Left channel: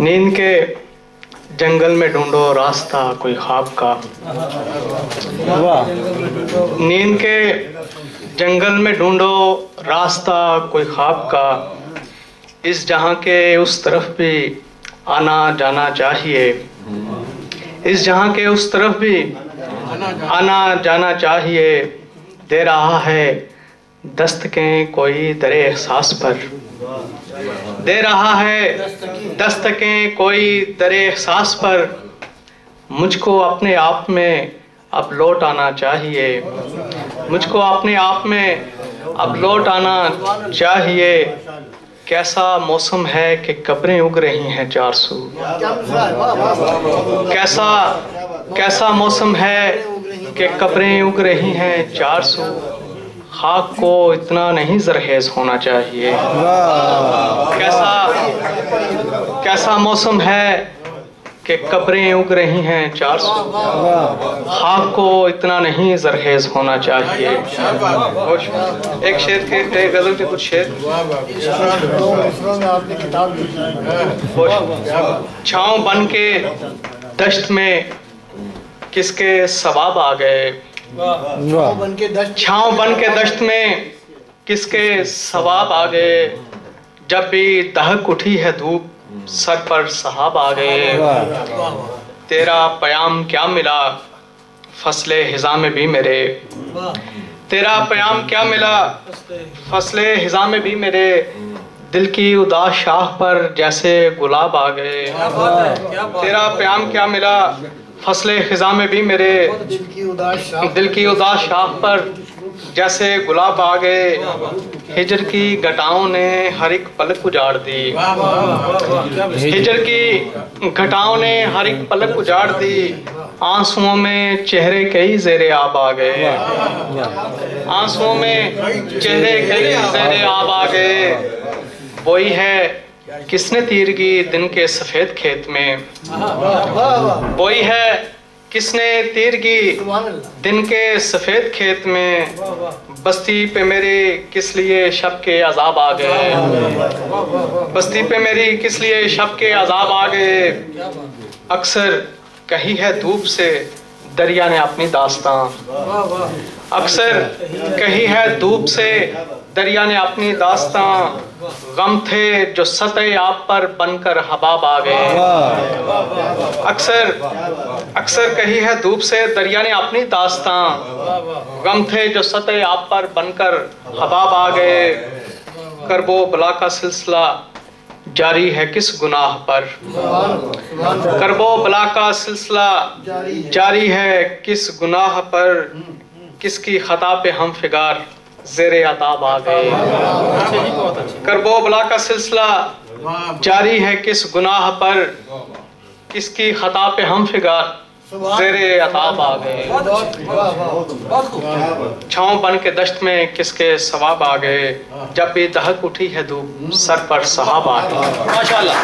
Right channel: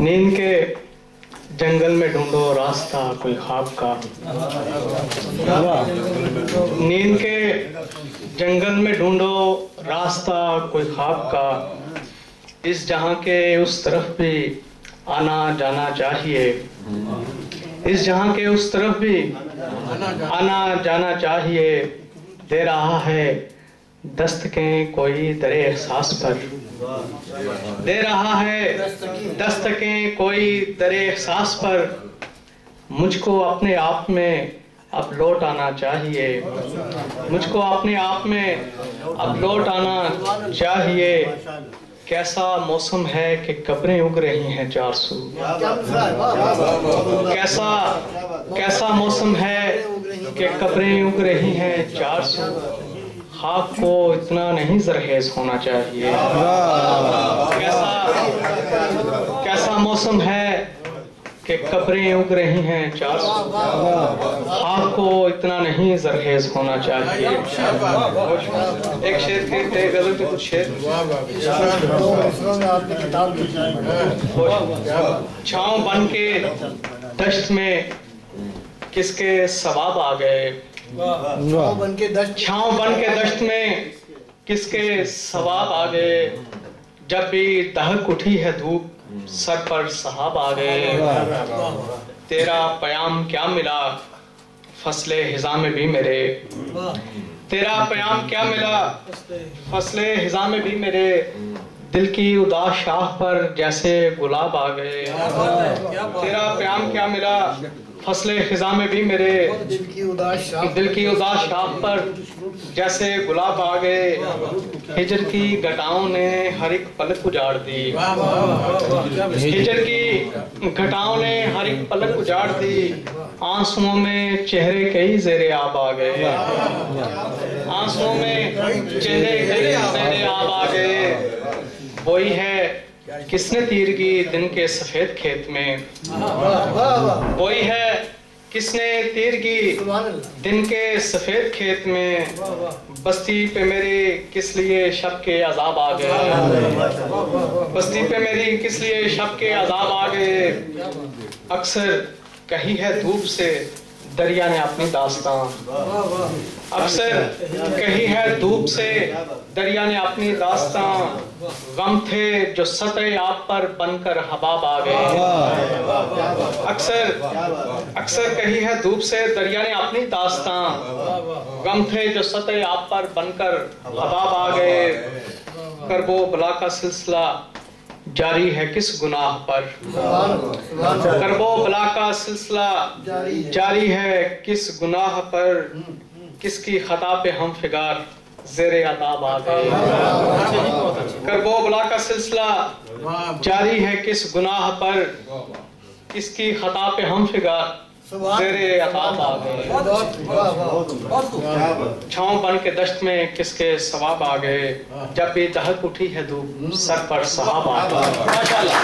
नींद के जंगल में ढूंढो रास्ता कोई ख्वाब का। नींद के जंगल में ढूंढो रास्ता कोई ख्वाब का। इस जहां के उस तरफ भी आना जाना चाहिए। इस जहां के उस तरफ भी आना जाना चाहिए। दे रहा है दस्तकें कोई दरे एहसास पर। दे रहा है दस्तकें कोई दरे एहसास पर। मुझको अपने आप में अब लौट आना चाहिए। मुझको अपने आप में अब लौट आना चाहिए। कैसा मौसम है कि कब्रें उग रही हैं 400। कैसा मौसम है कि कब्रें उग रही हैं 400। खाक को इतना नहीं जरहेज होना चाहिए। कैसा मौसम है कि कब्रें उग रही हैं 400। खाक को इतना नहीं जरहेज होना चाहिए। एक शेर के गजल के कुछ शेर। छाँव बन के दश्त में किसके सवाब आ गए। छाँव बन के दश्त में किसके सवाब आ गए। जब भी दहक उठी है धूप सर पर सहाब आ गए। तेरा प्याम क्या मिला फसले हिज़ा में भी मेरे। तेरा प्याम क्या मिला फसले हिज़ा में भी मेरे। दिल की उदास शाह पर जैसे गुलाब आ गए। तेरा प्याम क्या मिला फसले खिजा में भी मेरे। दिल की उदास शाह पर जैसे गुलाब आ गए। हिजर की घटाओं ने हर एक पलक उजाड़ दी। हिजर की घटाओं ने हर एक पलक उजाड़ दी। आंसुओं में चेहरे कई ज़ेरे आब आ गए। आंसुओं में चेहरे कई ज़ेरे आब आ गए। वही है किसने तीरगी दिन के सफेद खेत में। वही है किसने तीरगी दिन के सफेद खेत में। बस्ती पे मेरे किस लिए शब के अजाब आ गए। बस्ती पे मेरी किस लिए शब के अजाब आ गए। अक्सर कही है धूप से दरिया ने अपनी दास्तां। अक्सर कही है धूप से दरिया ने अपनी दास्तां। गम थे जो सतह आप पर बनकर हबाब आ गए। अक्सर कही है धूप से दरिया ने अपनी दास्तां। गम थे जो सतह आप पर बनकर हबाब आ गए। करबो बला का सिलसिला जारी है किस गुनाह पर। करबो बला का सिलसिला जारी है किस गुनाह पर। किसकी खता पे हम फिगार ज़ेरे अताब आ गए। करबो बला का सिलसिला जारी है किस गुनाह पर। किसकी खता पे हम फिगार ज़ेरे अताब आ गए। छाँव बन के दश्त में किसके सवाब आ गए। जब भी दहक उठी है धूप सर पर सहाब आ गए। माशाअल्लाह।